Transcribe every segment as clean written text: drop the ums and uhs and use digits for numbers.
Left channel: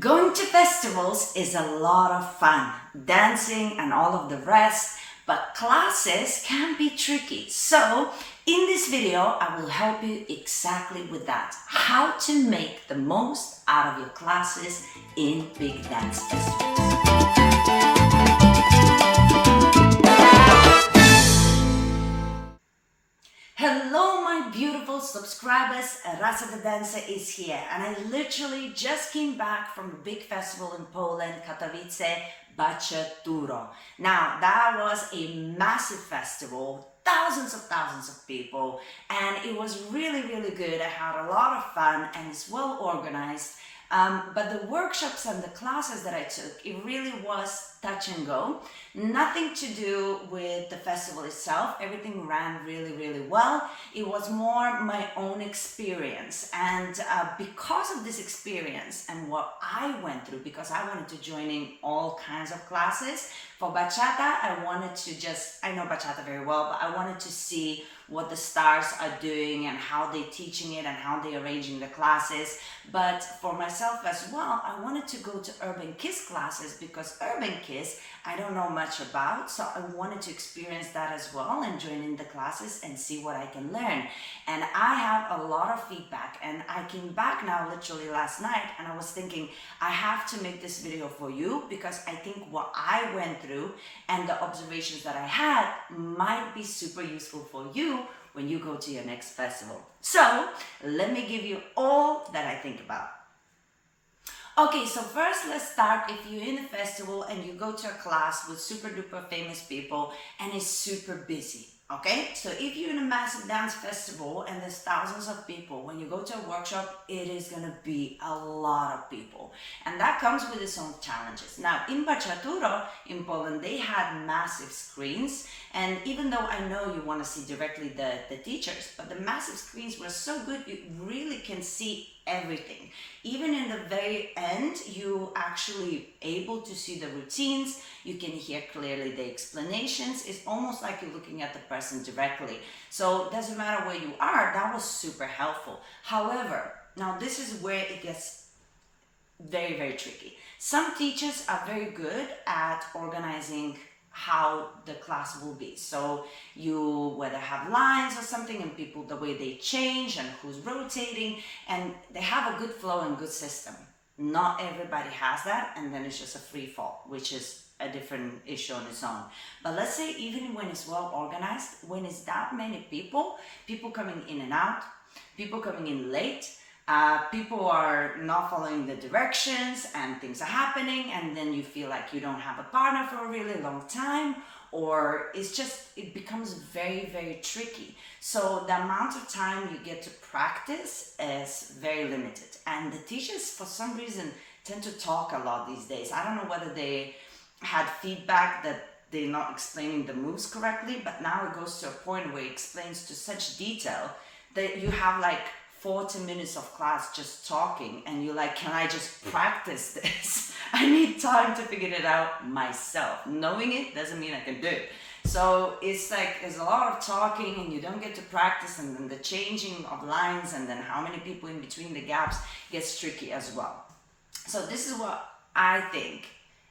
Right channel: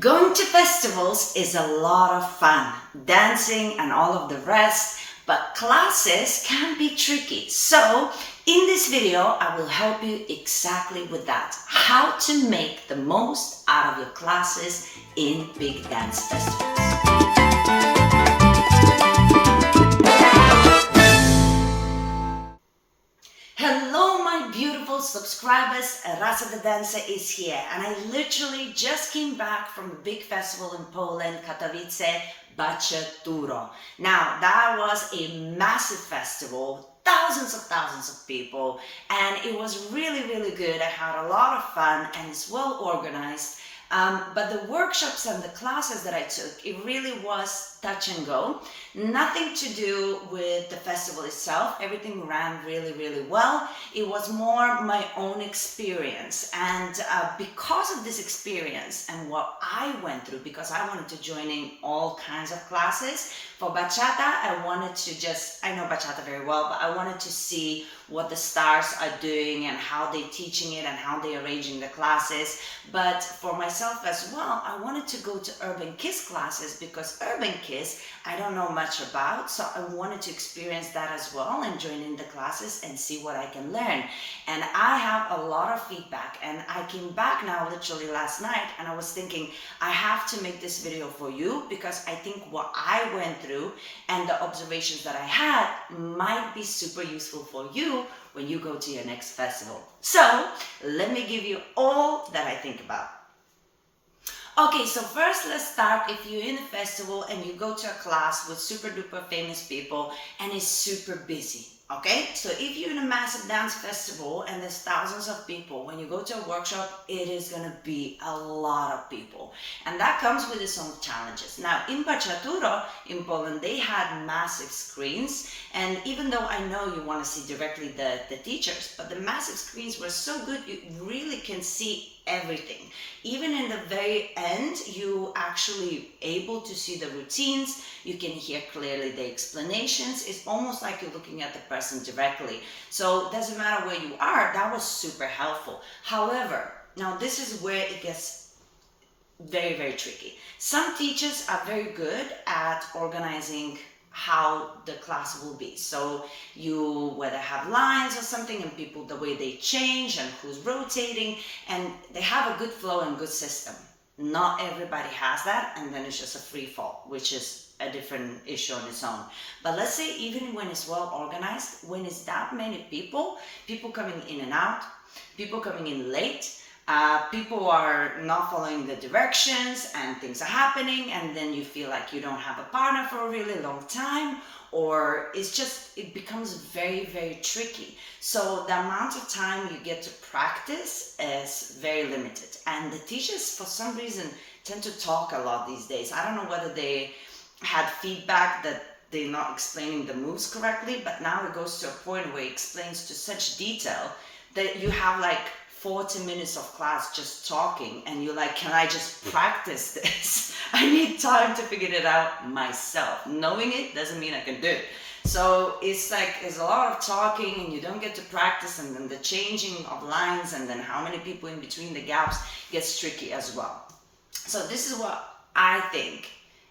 Going to festivals is a lot of fun, dancing and all of the rest, but classes can be tricky. So, in this video, I will help you exactly with that. How to make the most out of your classes in big dance festivals. Hello, my beautiful subscribers. Rasa the dancer is here, and I literally just came back from a big festival in Poland, Katowice, Bachaturo. Now, that was a massive festival, thousands of people, and it was really good. I had a lot of fun, and it's well organized. But the workshops and the classes that I took, it really was touch and go. Nothing to do with the festival itself. Everything ran really well. It was more my own experience. And because of this experience and what I went through, because I wanted to join in all kinds of classes, for bachata, I know bachata very well, but I wanted to see what the stars are doing and how they're teaching it and how they're arranging the classes. But for myself as well, I wanted to go to Urban Kiss classes because Urban Kiss, I don't know much about, so I wanted to experience that as well and join in the classes and see what I can learn. And I have a lot of feedback, and I came back now literally last night and I was thinking, I have to make this video for you because I think what I went through and the observations that I had might be super useful for you when you go to your next festival. So let me give you all that I think about. Okay, so first let's start if you're in a festival and you go to a class with super duper famous people and it's super busy. Okay, so if you're in a massive dance festival and there's thousands of people, when you go to a workshop, it is going to be a lot of people. And that comes with its own challenges. Now, in Bachaturo, in Poland, they had massive screens. And even though I know you want to see directly the teachers, but the massive screens were so good, you really can see everything. Even in the very end, you actually able to see the routines. You can hear clearly the explanations. It's almost like you're looking at the person directly. So it doesn't matter where you are, that was super helpful. However, now this is where it gets very tricky. Some teachers are very good at organizing how the class will be. So you whether have lines or something and people, the way they change and who's rotating, and they have a good flow and good system. Not everybody has that, and then it's just a free fall, which is a different issue on its own. But let's say even when it's well organized, when it's that many people coming in and out, people coming in late, people are not following the directions and things are happening, and then you feel like you don't have a partner for a really long time, or it becomes very tricky. So the amount of time you get to practice is very limited, and the teachers for some reason tend to talk a lot these days. I don't know whether they had feedback that they're not explaining the moves correctly, but now it goes to a point where it explains to such detail that you have like 40 minutes of class just talking, and you're like, can I just practice this? I need time to figure it out myself. Knowing it doesn't mean I can do it. So it's like there's a lot of talking and you don't get to practice, and then the changing of lines and then how many people in between the gaps gets tricky as well. So this is what I think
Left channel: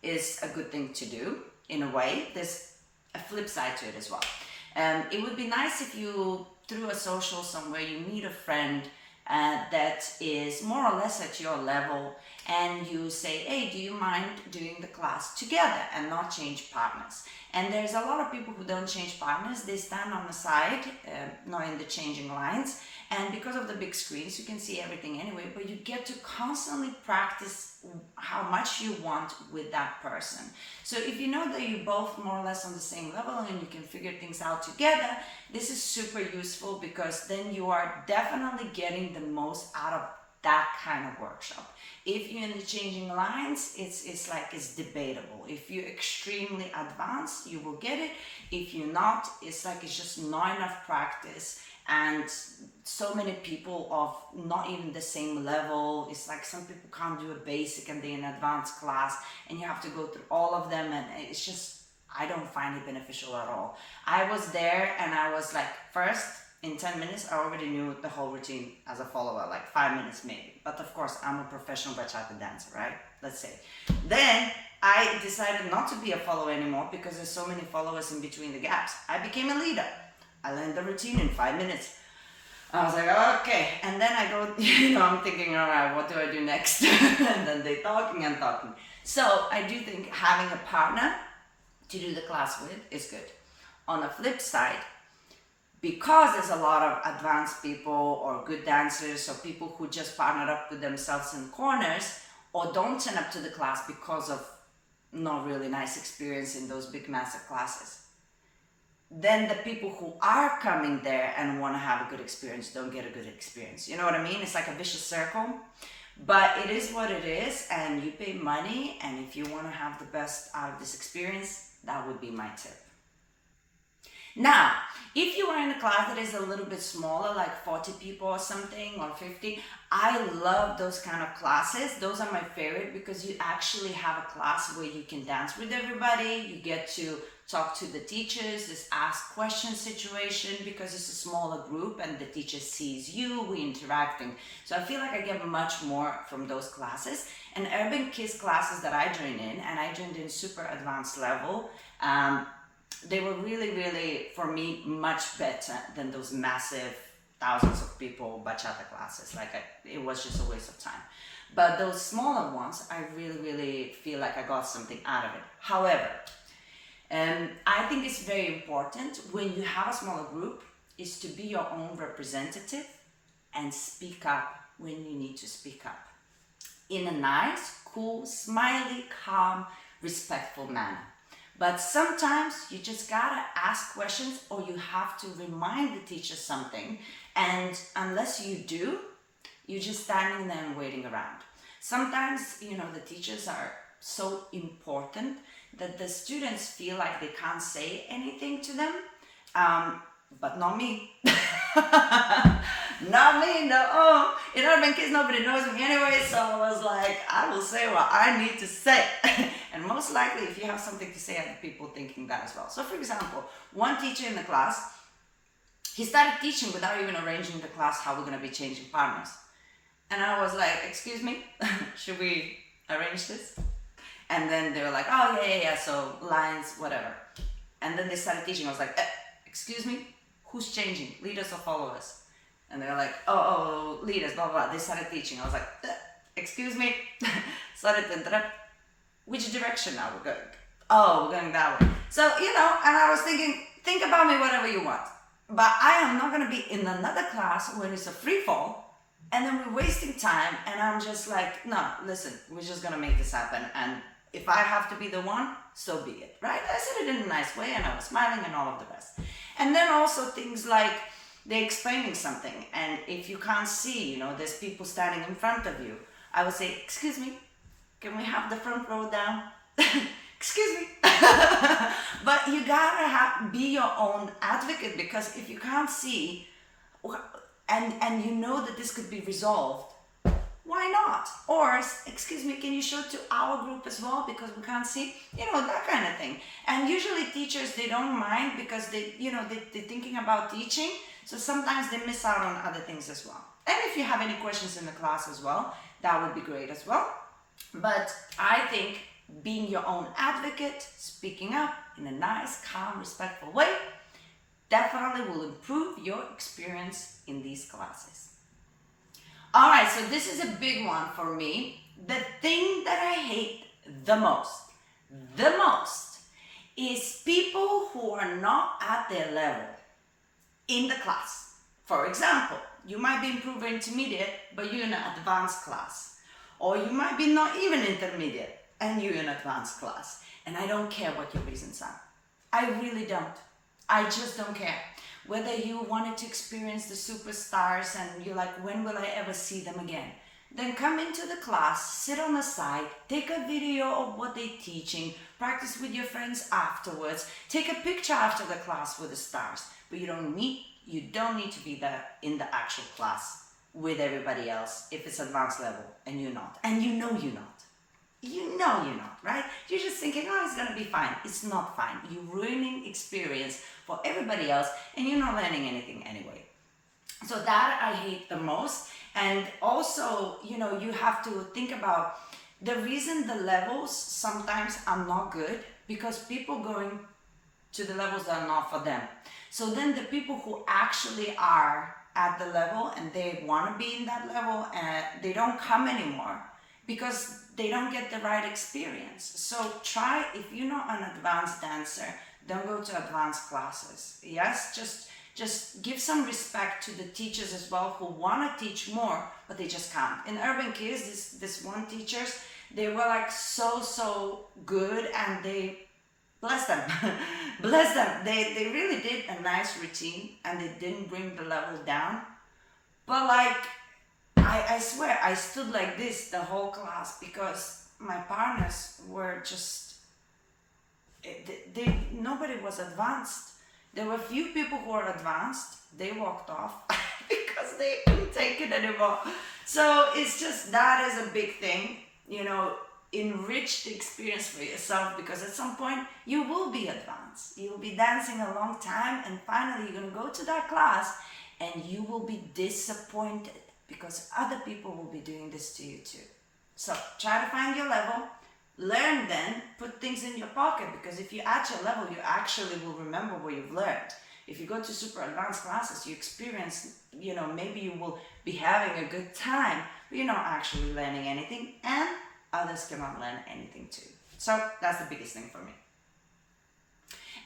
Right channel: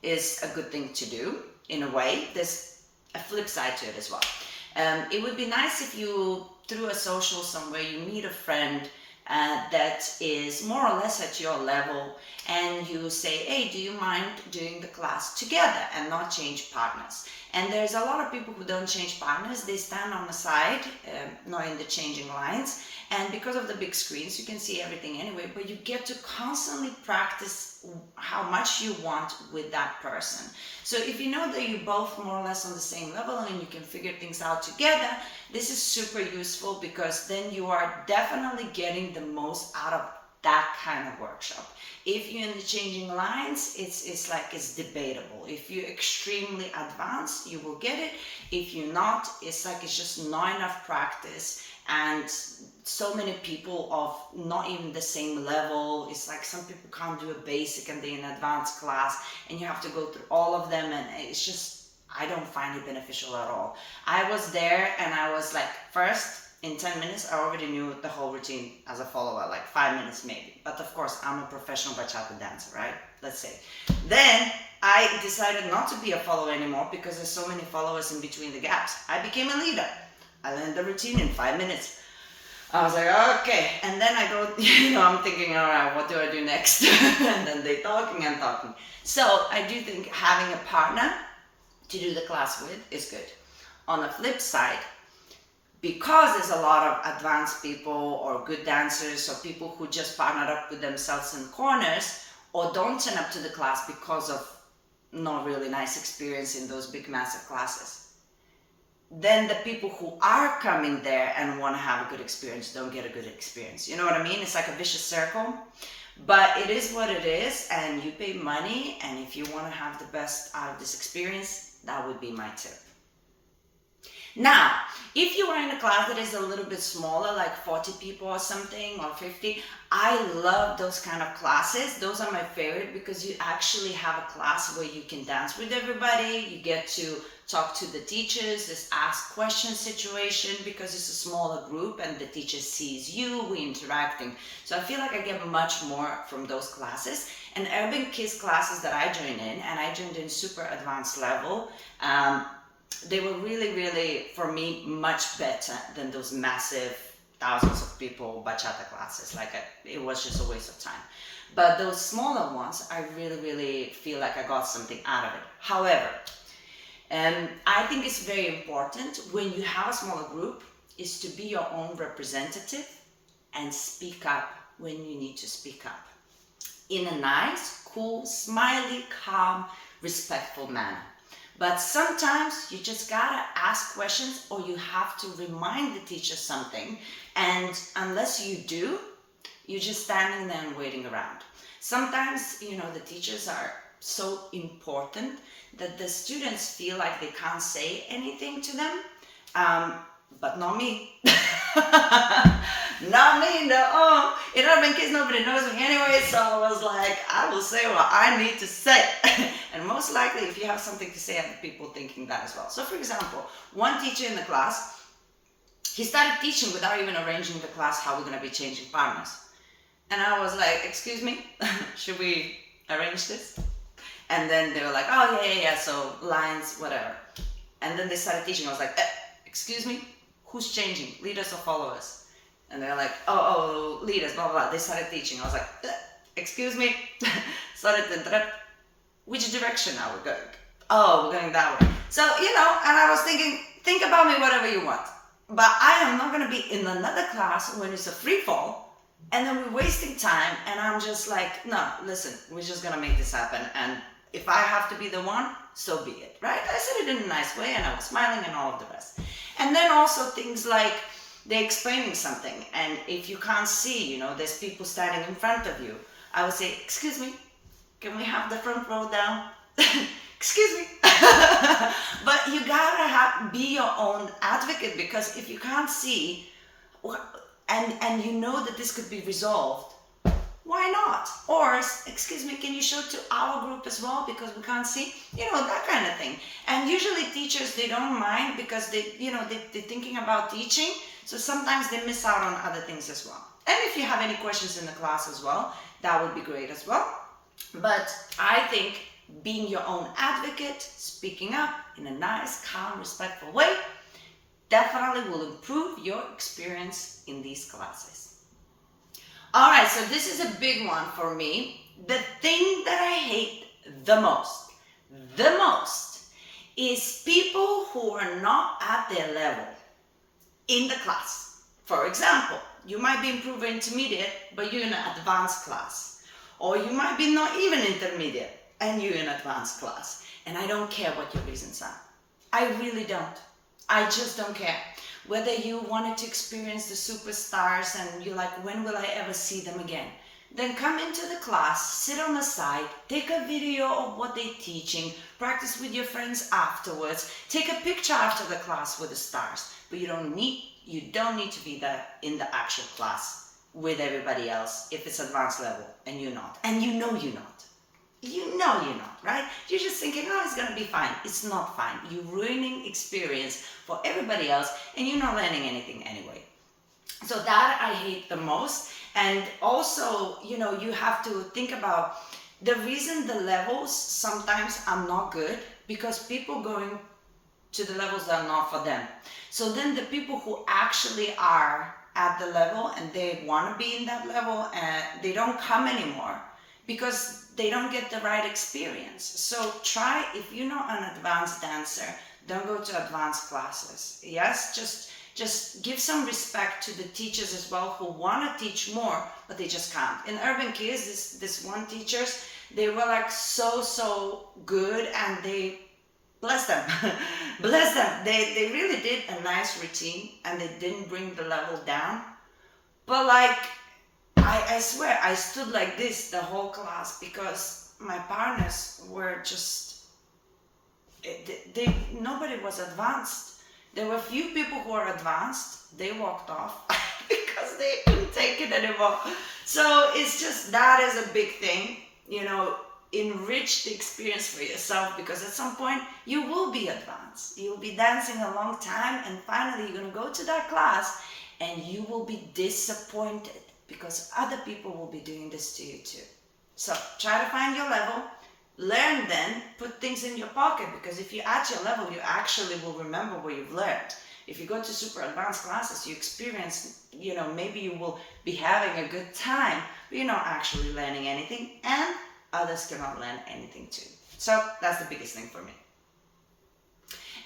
is a good thing to do in a way. There's a flip side to it as well. It would be nice if you, through a social somewhere, you meet a friend that is more or less at your level, and you say, hey, do you mind doing the class together and not change partners? And there's a lot of people who don't change partners. They stand on the side, not in the changing lines, and because of the big screens you can see everything anyway, but you get to constantly practice how much you want with that person. So if you know that you're both more or less on the same level and you can figure things out together, this is super useful, because then you are definitely getting the most out of that kind of workshop. If you're in the changing lines, it's debatable. If you're extremely advanced, you will get it. If you're not, it's just not enough practice, and so many people of not even the same level. It's like some people can't do a basic and they're in advanced class, and you have to go through all of them, and I don't find it beneficial at all. I was there and I was like, first, In 10 minutes, I already knew the whole routine as a follower, like 5 minutes maybe. But of course, I'm a professional bachata dancer, right? Let's say. Then I decided not to be a follower anymore because there's so many followers in between the gaps. I became a leader. I learned the routine in 5 minutes. I was like, okay. And then I go, I'm thinking, all right, what do I do next? And then they talking and talking. So I do think having a partner to do the class with is good. On the flip side, because there's a lot of advanced people or good dancers or people who just partner up with themselves in corners or don't turn up to the class because of not really nice experience in those big massive classes, then the people who are coming there and want to have a good experience don't get a good experience. You know what I mean? It's like a vicious circle. But it is what it is, and you pay money, and if you want to have the best out of this experience, that would be my tip. Now, if you are in a class that is a little bit smaller, like 40 people or something, or 50, I love those kind of classes. Those are my favorite because you actually have a class where you can dance with everybody, you get to talk to the teachers, this ask questions situation because it's a smaller group and the teacher sees you, we're interacting. So I feel like I get much more from those classes. And Urban Kids classes that I joined in, and I joined in super advanced level, they were really, really, for me, much better than those massive thousands of people bachata classes. It was just a waste of time. But those smaller ones, I really, really feel like I got something out of it. However, I think it's very important when you have a smaller group is to be your own representative and speak up when you need to speak up in a nice, cool, smiley, calm, respectful manner. But sometimes you just gotta ask questions or you have to remind the teacher something. And unless you do, you're just standing there and waiting around. Sometimes, the teachers are so important that the students feel like they can't say anything to them. But not me. Not me, no. In Urban Kids, nobody knows me anyway, so I was like, I will say what I need to say. And most likely, if you have something to say, other people thinking that as well. So for example, one teacher in the class, he started teaching without even arranging the class how we're going to be changing partners. And I was like, excuse me, should we arrange this? And then they were like, oh, yeah, so lines, whatever. And then they started teaching. I was like, excuse me, who's changing, leaders or followers? And they're like, oh, leaders, blah, blah, blah. They started teaching. I was like, excuse me, started to interrupt. Which direction are we going? Oh, we're going that way. So, and I was thinking, think about me whatever you want. But I am not going to be in another class when it's a free fall, and then we're wasting time, and I'm just like, no, listen, we're just going to make this happen. And if I have to be the one, so be it, right? I said it in a nice way, and I was smiling and all of the rest. And then also things like they're explaining something, and if you can't see, there's people standing in front of you, I would say, excuse me, can we have the front row down? Excuse me. But you gotta be your own advocate, because if you can't see, and you know that this could be resolved, why not? Or, excuse me, can you show it to our group as well because we can't see? That kind of thing. And usually teachers, they don't mind because they're thinking about teaching. So sometimes they miss out on other things as well. And if you have any questions in the class as well, that would be great as well. But I think being your own advocate, speaking up in a nice, calm, respectful way, definitely will improve your experience in these classes. All right, so this is a big one for me. The thing that I hate the most, is people who are not at their level in the class. For example, you might be improver intermediate, but you're in an advanced class. Or you might be not even intermediate, and you're in advanced class. And I don't care what your reasons are. I really don't. I just don't care. Whether you wanted to experience the superstars and you're like, when will I ever see them again? Then come into the class, sit on the side, take a video of what they're teaching, practice with your friends afterwards, take a picture after the class with the stars. But you don't need to be there in the actual class with everybody else if it's advanced level and you're not. And you know you're not. You know you're not, right? You're just thinking, oh, it's gonna be fine. It's not fine. You're ruining experience for everybody else and you're not learning anything anyway. So that I hate the most. And also, you have to think about the reason the levels sometimes are not good, because people going to the levels that are not for them. So then the people who actually are at the level and they want to be in that level, and they don't come anymore because they don't get the right experience. So try, if you're not an advanced dancer, don't go to advanced classes. Yes, just give some respect to the teachers as well who want to teach more, but they just can't. In Urban Kids, this one teachers, they were like so good, and they bless them. Bless them. They really did a nice routine, and they didn't bring the level down. But like, I swear, I stood like this the whole class because my partners were just, nobody was advanced. There were a few people who were advanced. They walked off because they couldn't take it anymore. So it's just, that is a big thing, enrich the experience for yourself, because at some point you will be advanced. You'll be dancing a long time, and finally you're going to go to that class and you will be disappointed because other people will be doing this to you too. So try to find your level, learn, then put things in your pocket, because if you're at your level, you actually will remember what you've learned. If you go to super advanced classes, you experience, maybe you will be having a good time, but you're not actually learning anything, and others cannot learn anything too. So that's the biggest thing for me.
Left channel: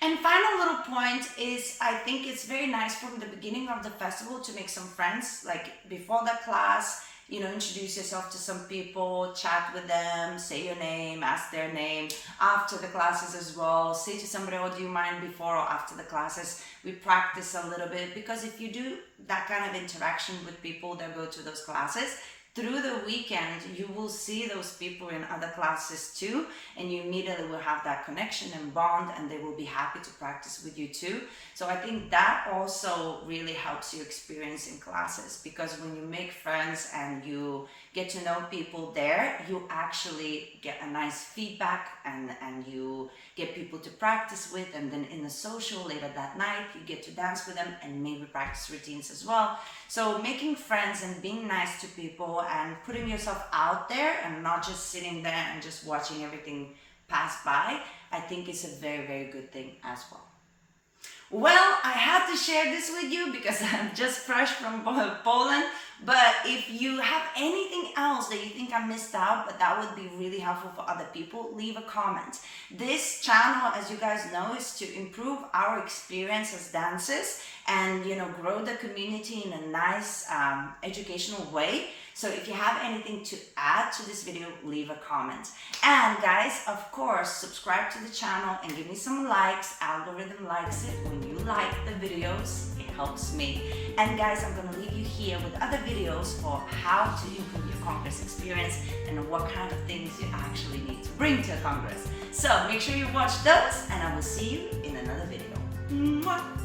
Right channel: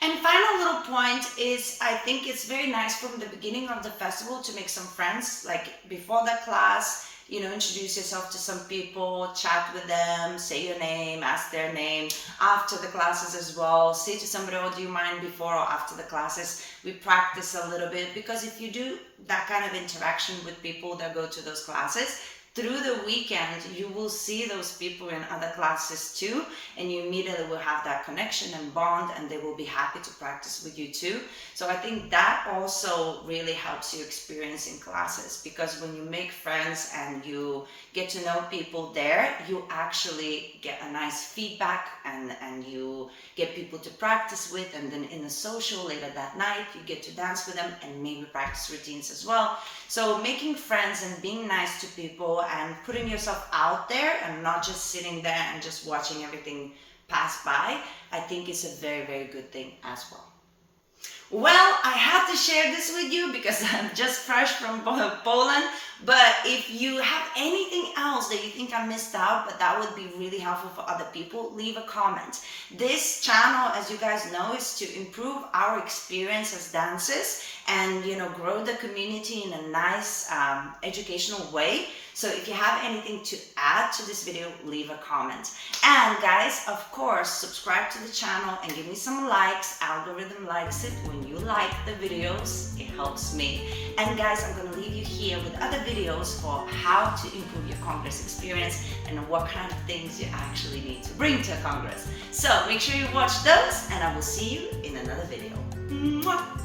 And final little point is, I think it's very nice from the beginning of the festival to make some friends, like before the class, introduce yourself to some people, chat with them, say your name, ask their name. After the classes as well, say to somebody, oh, do you mind before or after the classes? We practice a little bit, because if you do that kind of interaction with people that go to those classes, through the weekend, you will see those people in other classes too, and you immediately will have that connection and bond, and they will be happy to practice with you too. So I think that also really helps you experience in classes, because when you make friends and you get to know people there, you actually get a nice feedback, and you get people to practice with, and then in the social later that night, you get to dance with them and maybe practice routines as well. So making friends and being nice to people and putting yourself out there and not just sitting there and just watching everything pass by, I think is a very, very good thing as well. Well, I had to share this with you because I'm just fresh from Poland. But if you have anything else that you think I missed out, but that would be really helpful for other people, leave a comment. This channel, as you guys know, is to improve our experience as dancers and, grow the community in a nice educational way. So if you have anything to add to this video, leave a comment. And guys, of course, subscribe to the channel and give me some likes. Algorithm likes it when you like the videos. It helps me. And guys, I'm gonna leave you here with other videos for how to improve your Congress experience and what kind of things you actually need to bring to a Congress. So make sure you watch those, and I will see you in another video. Mwah!